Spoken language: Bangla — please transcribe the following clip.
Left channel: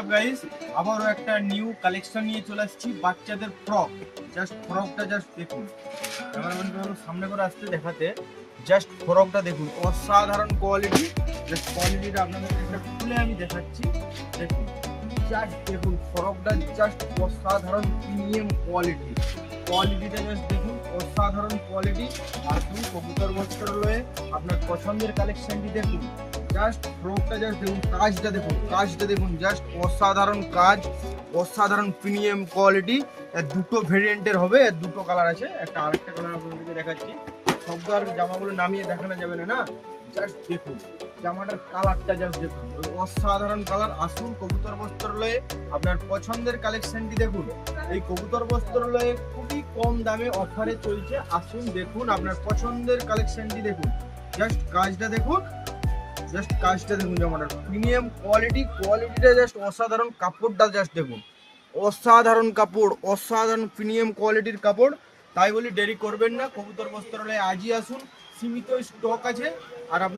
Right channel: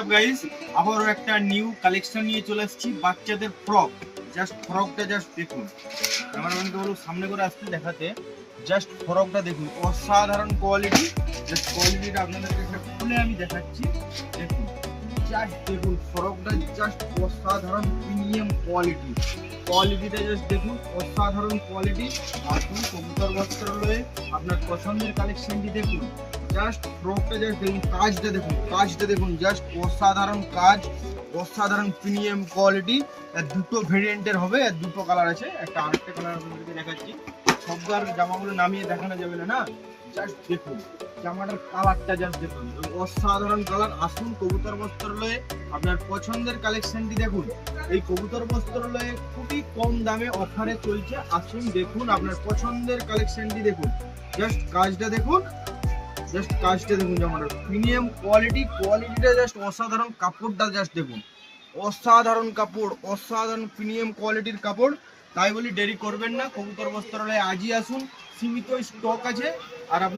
হোয়াটসঅ্যাপ গাইস, আবারও একটা নিউ কালেকশন নিয়ে চলে আসছি বাচ্চাদের ফ্রক। জাস্ট ফ্রকটা জাস্ট দেখুন, ক্যামেরাম্যানকে বলো সামনে করে আসতে দেখাতে। জাস্ট ফ্রকটা দেখুন, অসাধারণ কোয়ালিটি। জাস্ট কোয়ালিটিটা আপনাদেরকে একটা খুলে আমি দেখাচ্ছি। দেখুন, জাস্ট দেখুন ফ্রকটা জাস্ট অসাধারণ প্রিমিয়াম কোয়ালিটি। কোয়ালিটিটা জাস্ট দেখুন, অসাধারণ কোয়ালিটি। আপনি কবুতর বস্ত্রালয়ে আপনার পছন্দের কালেকশনটি দেখুন। জাস্ট ফ্রকটা জাস্ট দেখুন, কাজটা দেখুন, জাস্ট অসাধারণ কাজ, অসাধারণ প্রিমিয়াম কোয়ালিটি। এর দুটো ভেরিয়েন্টের হবে, এর দুটো কালার আছে, একটা আরেকটা কালার আপনাদেরকে দেখাচ্ছি। সবগুলো জামাগুলো নামিয়ে দেখানো যাবে না, জাস্ট দেখুন জামাটার কালারটা, জাস্ট দেখুন অসাধারণ কালার। আসুন কবুতর বস্ত্রালয়ে আপনার পছন্দের কালেকশনটি দেখুন। এই কবুতর বস্ত্রালয়ে খুবই কম দামে অফারে চলছে। আসুন দেখুন আপনার পছন্দের কালেকশনটি দেখুন। জাস্ট কাজটা দেখুন, জামাটার প্রিমিয়াম কোয়ালিটিটা জাস্ট অসাধারণ। কাপড়টা জাস্ট দেখুন, অসাধারণ কাপড়, অসাধারণ প্রিমিয়াম কোয়ালিটির কাপড়। তাই বলি দেরি করবেন না, কবুতর বস্ত্রালয়ে আজই আসুন, সীমিত স্টক আছে। আর